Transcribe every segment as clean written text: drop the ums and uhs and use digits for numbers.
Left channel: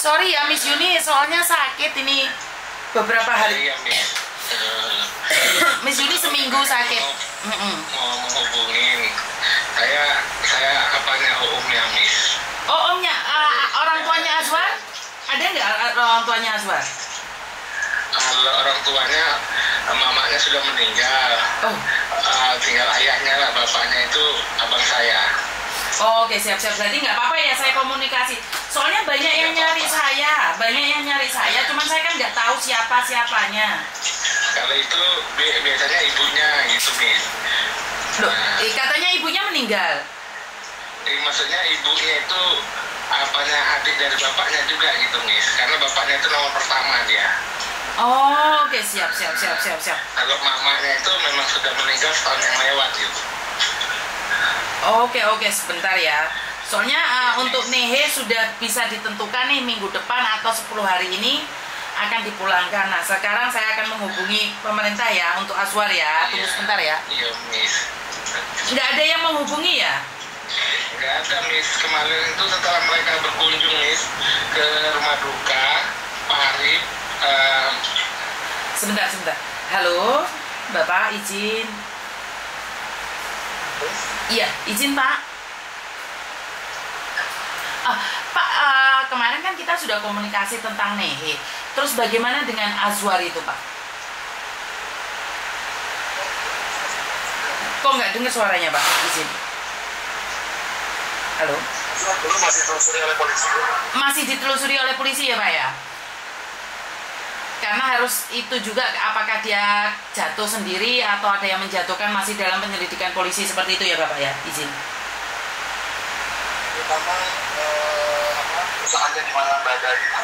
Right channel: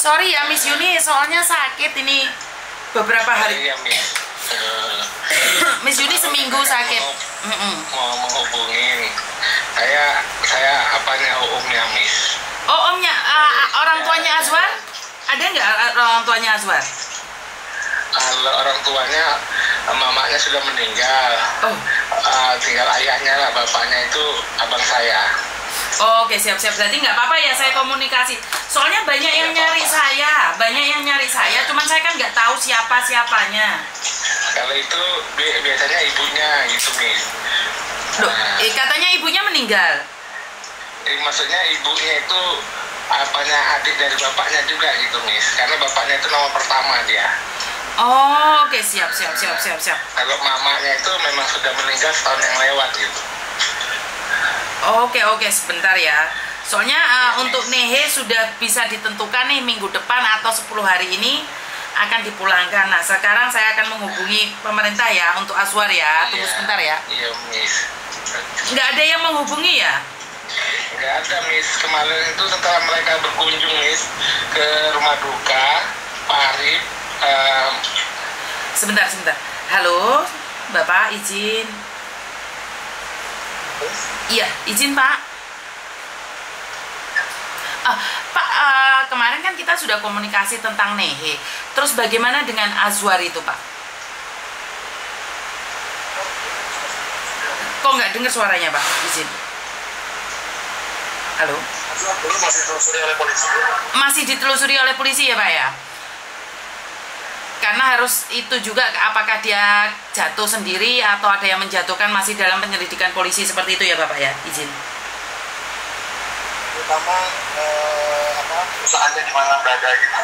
Sorry ya Miss Yuni, soalnya sakit ini beberapa hari. Iya, Miss. Miss Yuni seminggu sakit. Mau menghubungin. Saya apanya omnya, Miss? Oh, omnya, orang tuanya Azwar? Ada nggak orang tuanya Azwar? Kalau orang tuanya, mamanya sudah meninggal. Oh. Tinggal ayahnya lah, bapaknya itu abang saya. Oh, oke, siap-siap. Jadi nggak apa-apa ya saya komunikasi. Soalnya banyak yang nyari saya, cuman saya kan nggak tahu siapanya. Kalau itu biasanya ibunya gitu, Miss. Loh, katanya ibunya meninggal. Maksudnya ibunya itu apanya adik dari bapaknya juga gitu, Miss. Karena bapaknya itu nomor pertama dia. Oh, oke, siap. Kalau mamanya itu memang sudah meninggal setahun yang lewat gitu. Oke, sebentar ya. Soalnya untuk Nehe sudah bisa ditentukan nih minggu depan atau 10 hari ini akan dipulangkan. Nah, sekarang saya akan menghubungi pemerintah ya untuk Azwar ya. Tunggu sebentar ya. Iya, Miss. Nggak ada yang menghubungi ya? Nggak ada, Miss. Kemarin itu setelah mereka berkunjung, Miss, ke rumah duka, Pak Arif. Sebentar. Halo, Bapak izin. Iya, izin Pak. Pak, kemarin kan kita sudah komunikasi tentang Nehe. Terus bagaimana dengan Azwar itu, Pak? Kok nggak dengar suaranya, Pak? Izin. Halo? Masih ditelusuri oleh polisi. Masih ditelusuri oleh polisi ya, Pak ya? Karena harus itu juga, apakah dia jatuh sendiri atau ada yang menjatuhkan, masih dalam penyelidikan polisi seperti itu ya Bapak ya? Izin. Terutama perusahaannya di mana berada gitu.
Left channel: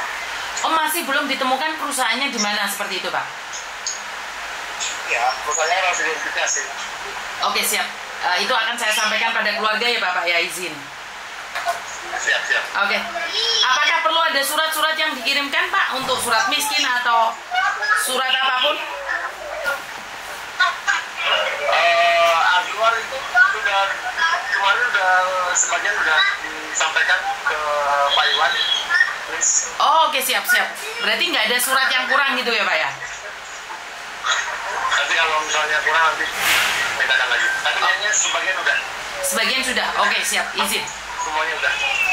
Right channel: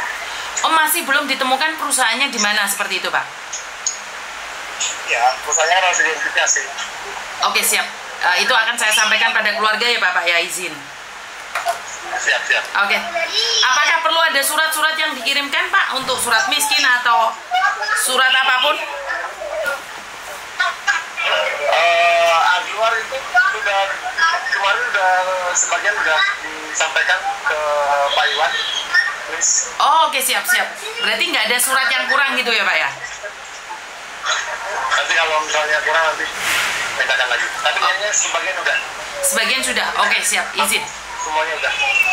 Oh, masih belum ditemukan perusahaannya di mana seperti itu Pak? Ya, perusahaannya harus diidentifikasi. Oke, siap. Itu akan saya sampaikan pada keluarga ya Bapak ya, izin. Siap. Oke. Apakah perlu ada surat-surat yang dikirimkan Pak untuk surat miskin atau surat apapun? Azwar itu sudah kemarin sebagian sudah disampaikan ke Pak Iwan, Miss. Oh, oke, siap. Berarti nggak ada surat yang kurang gitu ya Pak ya? Nanti kalau misalnya kurang nanti mintakan lagi. Tapi kayaknya sebagian udah. Sebagian sudah. Oke, siap. Izin. Semuanya udah.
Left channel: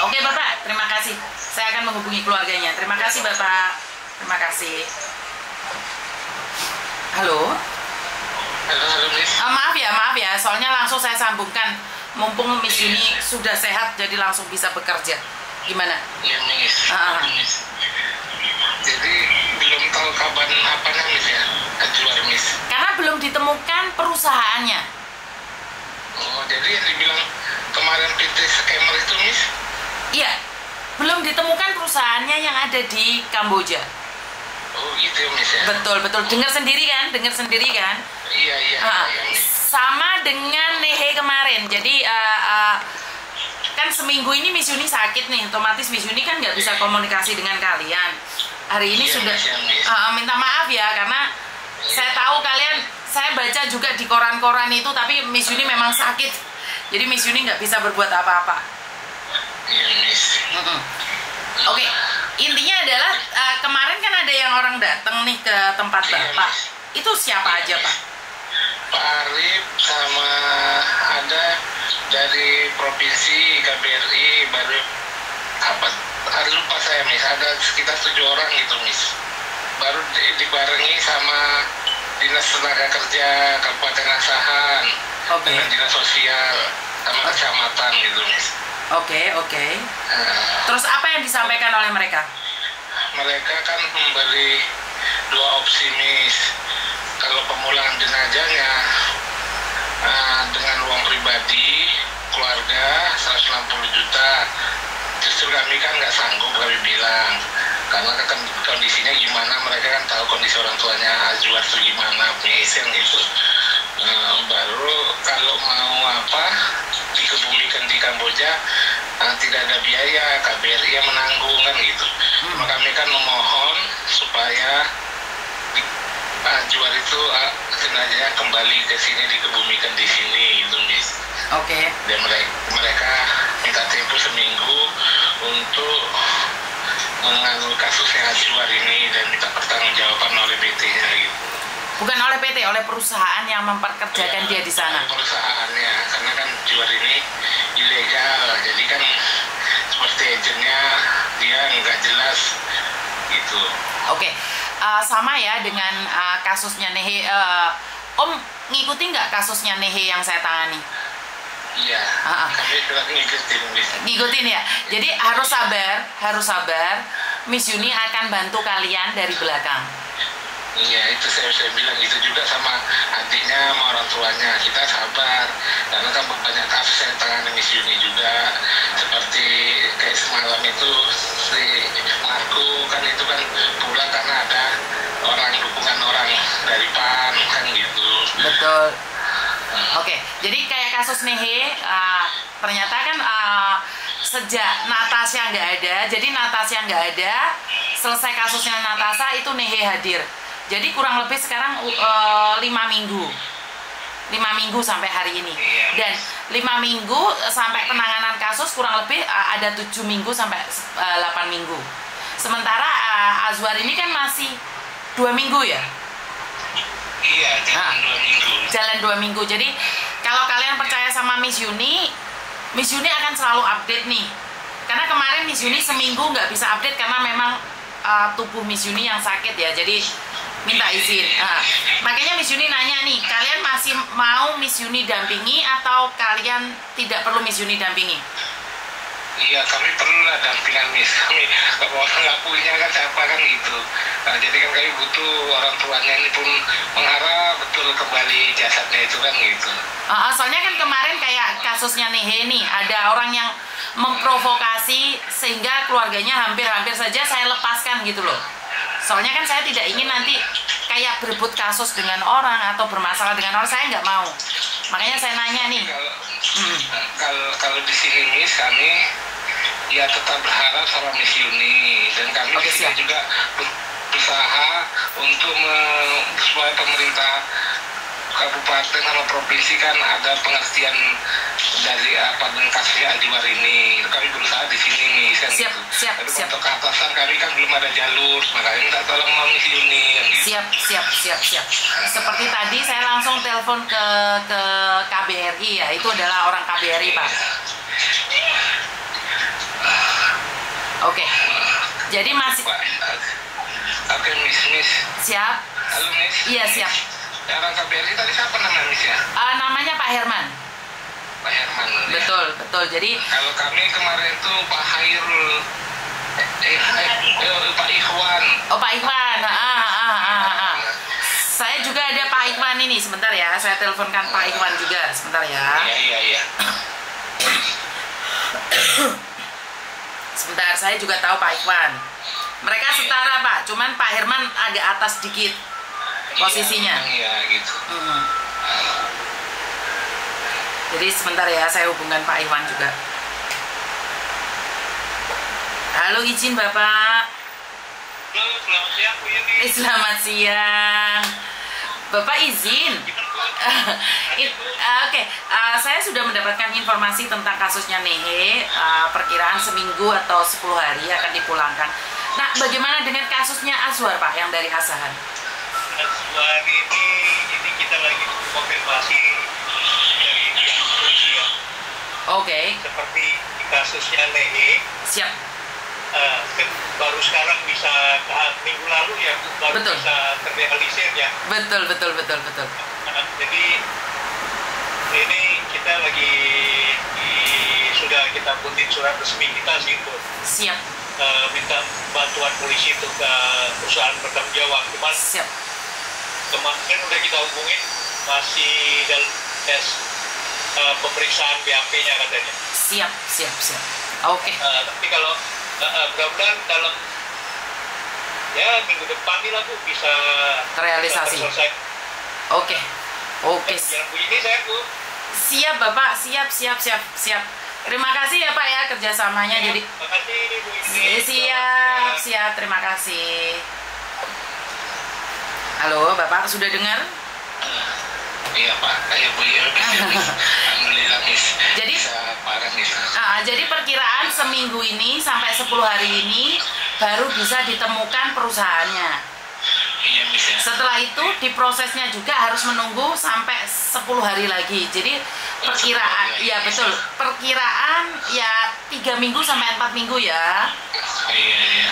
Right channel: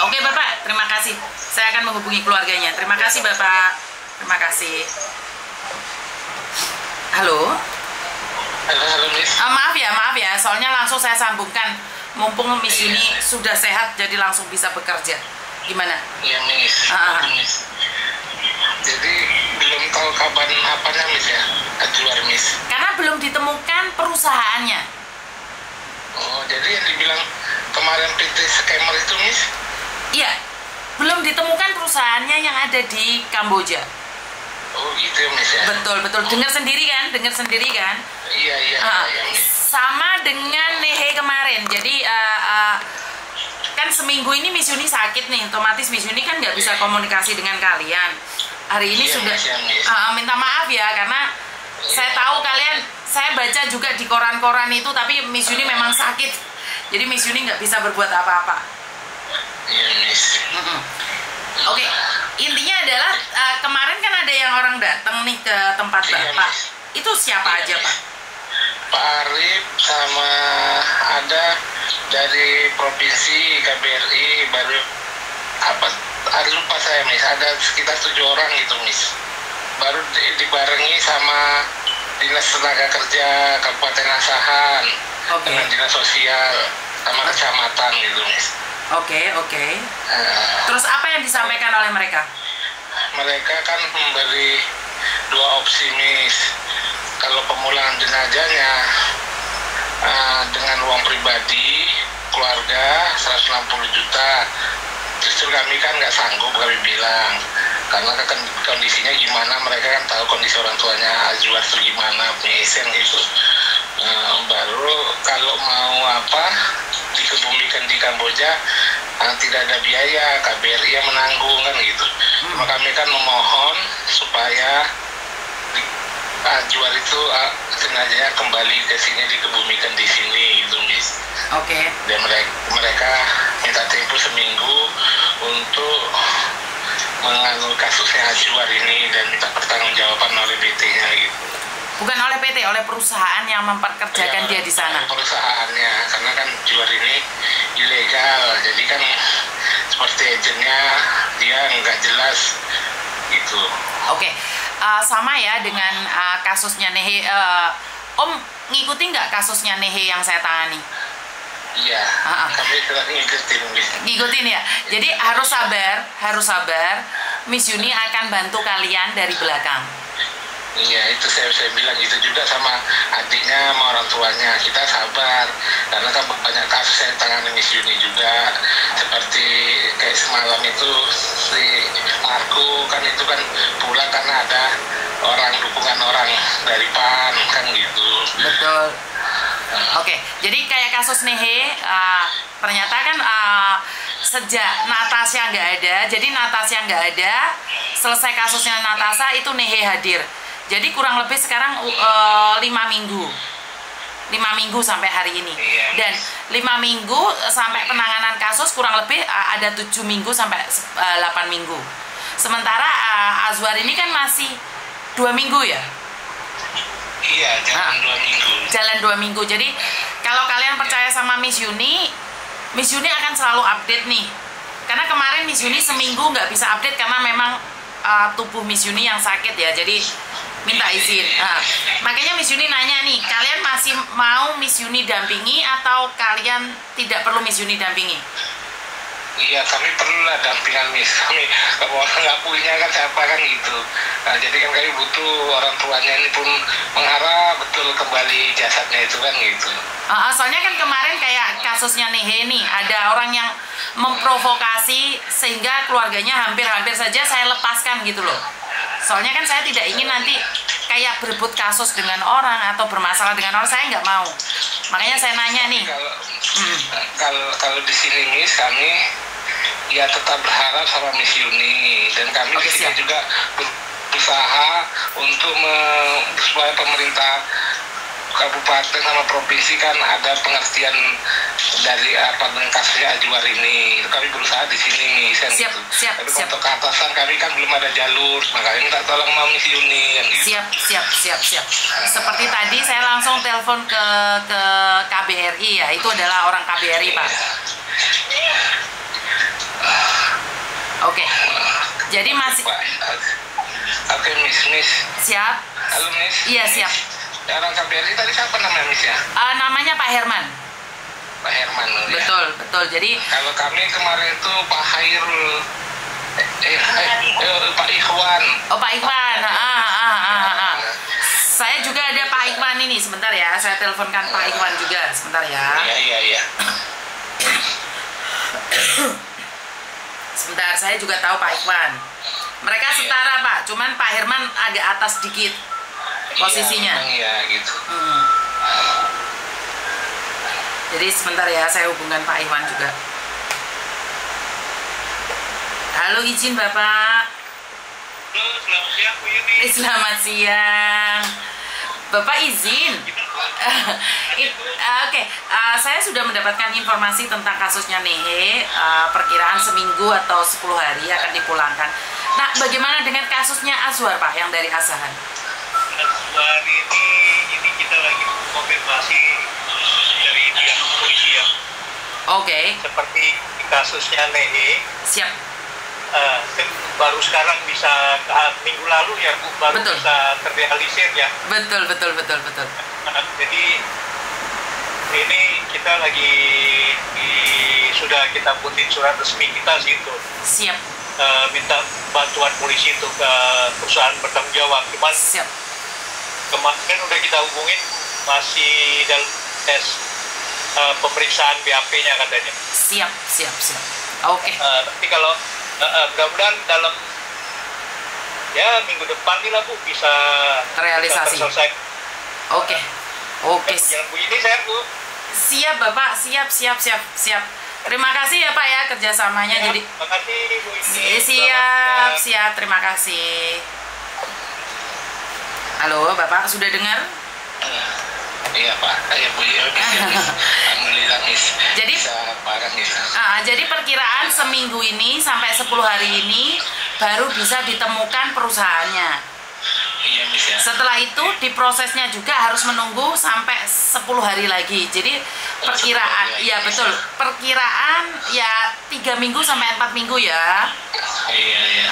Oke Bapak, terima kasih. Saya akan menghubungi keluarganya. Terima kasih Bapak. Terima kasih. Halo. Halo Miss. Maaf ya. Soalnya langsung saya sambungkan. Mumpung Miss Yuni sudah sehat, jadi langsung bisa bekerja. Gimana? Iya Miss. Jadi belum tahu kapan apanya Miss ya, Azwar Miss. Karena belum ditemukan perusahaannya. Oh, jadi yang dibilang kemarin PT scammer itu Miss? Iya, belum ditemukan perusahaannya yang ada di Kamboja. Oh gitu Miss ya? Betul. Dengar sendiri kan? Iya, Miss. Sama dengan Nehe kemarin. Jadi kan seminggu ini Miss Yuni sakit nih, otomatis Miss Yuni kan nggak bisa komunikasi dengan kalian. Hari ini sudah minta maaf ya, karena saya tahu kalian, saya baca juga di koran-koran itu, tapi Miss Yuni memang sakit. Jadi Miss Yuni nggak bisa berbuat apa-apa. Iya Miss. Oke, intinya adalah kemarin kan ada yang orang datang nih ke tempat Bapak. Itu siapa aja Pak? Pak Arif sama ada dari provinsi KBRI baru lupa saya Miss, ada sekitar 7 orang gitu Miss. Baru dibarengi sama Dinas Tenaga Kerja Kabupaten Asahan. Dengan dinas sosial sama kecamatan gitu Miss. Oke. Terus apa yang disampaikan oleh mereka? Mereka kan memberi 2 opsi Miss. Kalau pemulangan jenazahnya dengan uang pribadi keluarga 160 juta, justru kami kan nggak sanggup, kami bilang, karena kan kondisinya gimana, mereka kan tahu kondisi orang tuanya Azwar itu gimana Miss gitu. Baru kalau mau dikebumikan di Kamboja tidak ada biaya, KBRI yang menanggung kan gitu. Cuma kami kan memohon supaya Azwar itu jenazahnya kembali ke sini, dikebumikan di sini gitu Miss. Oke. Dan mereka minta tempo seminggu untuk menganu kasusnya Azwar ini dan minta pertanggungjawaban oleh PT-nya gitu. Bukan oleh PT, oleh perusahaan yang memperkerjakan dia di sana. Perusahaannya, karena kan Azwar ini ilegal, jadi kan seperti agennya dia nggak jelas gitu. Oke, sama ya dengan kasusnya Nehe. Om ngikuti nggak kasusnya Nehe yang saya tangani? Iya, kami telah ngikutin ya. Jadi harus sabar. Miss Yuni akan bantu kalian dari belakang. Iya, itu saya bilang gitu juga sama adiknya, sama orang tuanya. Kita sabar, karena kan banyak kasus yang tangani Miss Yuni juga. Seperti kayak semalam itu si Marco kan itu kan pulang karena ada dukungan orang dari PAN kan gitu. Betul. Oke, jadi kayak kasus Nehe, ternyata kan sejak Natasha nggak ada, jadi Natasha nggak ada, selesai kasusnya Natasha itu Nehe hadir. Jadi kurang lebih sekarang 5 minggu. 5 minggu sampai hari ini. Dan 5 minggu sampai penanganan kasus kurang lebih ada 7 minggu sampai 8 minggu. Sementara Azwar ini kan masih 2 minggu ya? Iya, jalan 2 minggu. Jalan 2 minggu. Jadi kalau kalian percaya sama Miss Yuni akan selalu update nih. Karena kemarin Miss Yuni seminggu nggak bisa update karena memang tubuh Miss Yuni yang sakit ya. Jadi minta izin. Makanya Miss Yuni nanya nih, kalian masih mau Miss Yuni dampingi atau kalian tidak perlu Miss Yuni dampingi? Iya, kami perlu lah dampingan Miss. Kami kalau nggak punya kan siapa kan gitu. Nah, jadi kan kami butuh orang tuanya ini pun mengharap betul kembali jasadnya itu kan gitu. Soalnya kan kemarin kayak kasusnya Nehe nih, ada orang yang memprovokasi sehingga keluarganya hampir-hampir saja saya lepaskan gitu loh. Soalnya kan saya tidak ingin nanti kayak berebut kasus dengan orang atau bermasalah dengan orang, saya nggak mau. Makanya saya nanya nih. Kalau di sini Miss, kami ya tetap berharap sama Miss Yuni, dan kami di sini juga berusaha untuk supaya pemerintah kabupaten sama provinsi kan ada pengertian dari dengan kasusnya Azwar ini. Kami berusaha di sini nih kan. Siap. Untuk ke atasan kami kan belum ada jalur, makanya minta tolong sama Miss Yuni kan gitu. Siap. Seperti tadi saya langsung telepon ke KBRI ya, itu adalah orang KBRI Pak. Oke. Jadi masih. Oke Miss. Siap. Halo Miss. Iya siap. Ya, orang KBRI tadi siapa namanya Miss ya? Namanya Pak Herman. Pak Herman. Betul. Jadi kalau kami kemarin itu Pak Hairul, Pak Ikhwan. Oh Pak Ikhwan. Saya juga ada Pak Ikhwan ini, sebentar ya. Saya teleponkan Pak Ikhwan juga, sebentar ya. Iya. Sebentar, saya juga tahu Pak Ikhwan. Mereka setara Pak, cuman Pak Herman agak atas dikit posisinya. Iya gitu. Jadi sebentar ya, saya hubungkan Pak Ikhwan juga. Halo, izin Bapak. Halo, selamat siang Bu Yuni. Selamat siang. Bapak izin. Oke, saya sudah mendapatkan informasi tentang kasusnya Nehe. Perkiraan seminggu atau 10 hari akan dipulangkan. Nah, bagaimana dengan kasusnya Azwar Pak yang dari Asahan? Azwar ini kita lagi konfirmasi dari pihak polisi ya. Oke. Seperti kasusnya Nehe. Siap. Baru sekarang bisa minggu lalu ya Bu, baru betul. Bisa terrealisir ya. Betul. Jadi ini kita lagi sudah kita putih surat resmi kita sih Bu. Siap. Minta bantuan polisi untuk perusahaan bertanggung jawab. Cuman siap. Kemarin udah kita hubungin masih dalam tes pemeriksaan BAP-nya katanya. Siap. Oke. Tapi kalau mudah-mudahan dalam ya minggu depan nih lah Bu bisa terrealisasi. Selesai. Oke. Jangan Bu ini saya Bu. Siap Bapak, siap. Terima kasih ya Pak ya kerjasamanya. Ya, jadi. Terima kasih Bu ini. Siap. Terima kasih. Halo Bapak, sudah dengar? Iya Pak, Bu ya. Alhamdulillah Miss. Jadi bisa parah Miss. jadi perkiraan seminggu ini sampai 10 hari ini baru bisa ditemukan perusahaannya. Iya, Miss ya. Setelah itu diprosesnya juga harus menunggu sampai 10 hari lagi. Jadi perkiraan, ya betul, perkiraan ya 3 minggu sampai 4 minggu ya. Iya.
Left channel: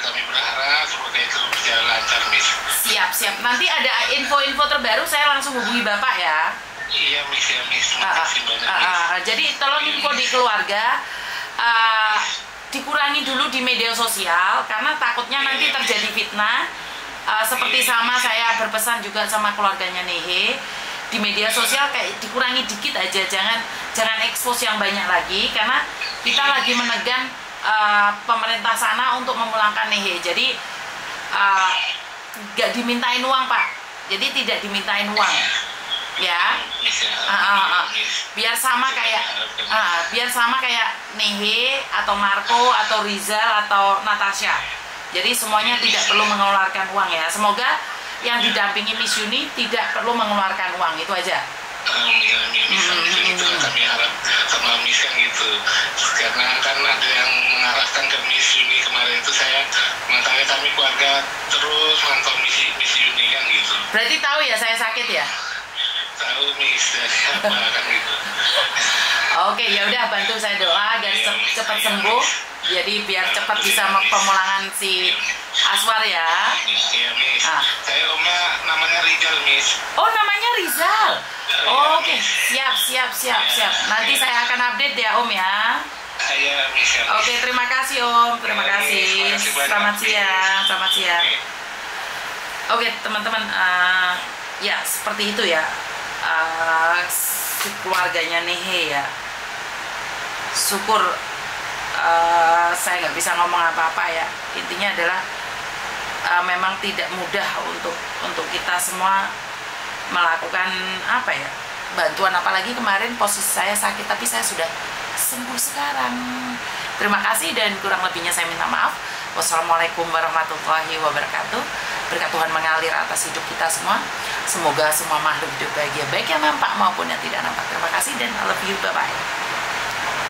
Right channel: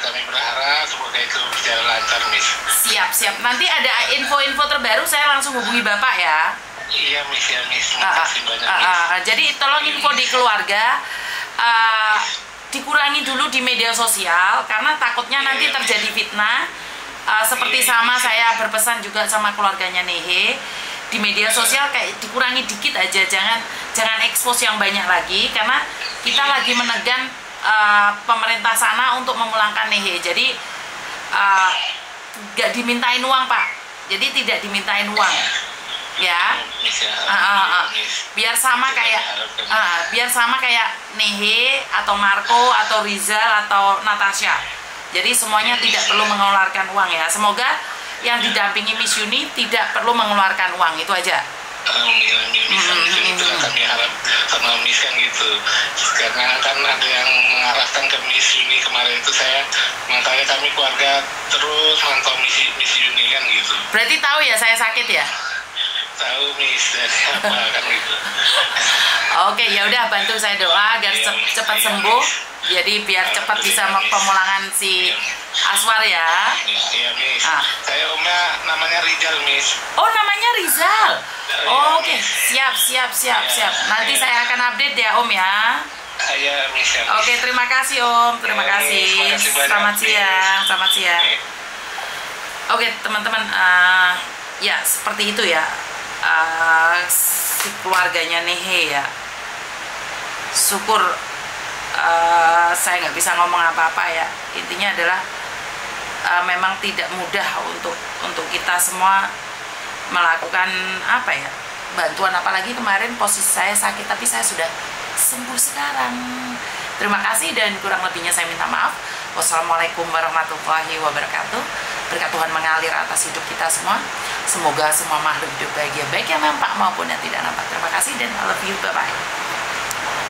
Kami berharap semoga itu berjalan lancar, Miss. Siap. Nanti ada info-info terbaru saya langsung hubungi Bapak ya. Iya, Miss ya, Miss. Terima kasih banyak, Miss. Jadi tolong info di keluarga. Dikurangi dulu di media sosial karena takutnya nanti terjadi fitnah. Seperti sama saya berpesan juga sama keluarganya Nehe, di media sosial kayak dikurangi dikit aja, jangan expose yang banyak lagi karena kita lagi menegan pemerintah sana untuk memulangkan Nehe. Jadi nggak dimintain uang, Pak. Jadi tidak dimintain uang. Ya. Biar sama kayak Nehe atau Marco atau Rizal atau Natasha. Jadi semuanya tidak perlu mengeluarkan uang ya. Semoga yang didampingi Miss Yuni tidak perlu mengeluarkan uang, itu aja. Amin. Kami harap sama Miss kan gitu. Karena kan ada yang mengarahkan ke Miss Yuni kemarin itu makanya kami keluarga terus mantau Miss Yuni kan gitu. Berarti tahu ya saya sakit ya? Tahu, Miss, dari apa kan gitu. Oke, ya udah bantu saya doa agar cepat sembuh. Jadi biar cepat bisa pemulangan si Aswar ya. Iya, Miss. Saya omnya namanya Rizal, Miss. Oh, namanya Rizal. Oke, siap. Nanti saya akan update ya, Om ya. Iya, Miss. Oke, terima kasih, Om. Terima kasih. Selamat siang. Oke, teman-teman, ya seperti itu ya. Si keluarganya Nehe ya. Syukur saya nggak bisa ngomong apa-apa ya. Intinya adalah memang tidak mudah untuk kita semua melakukan bantuan, apalagi kemarin posisi saya sakit tapi saya sudah sembuh sekarang. Terima kasih dan kurang lebihnya saya minta maaf. Wassalamualaikum warahmatullahi wabarakatuh. Berkat Tuhan mengalir atas hidup kita semua. Semoga semua makhluk hidup bahagia, baik yang nampak maupun yang tidak nampak. Terima kasih dan I love you, bye bye.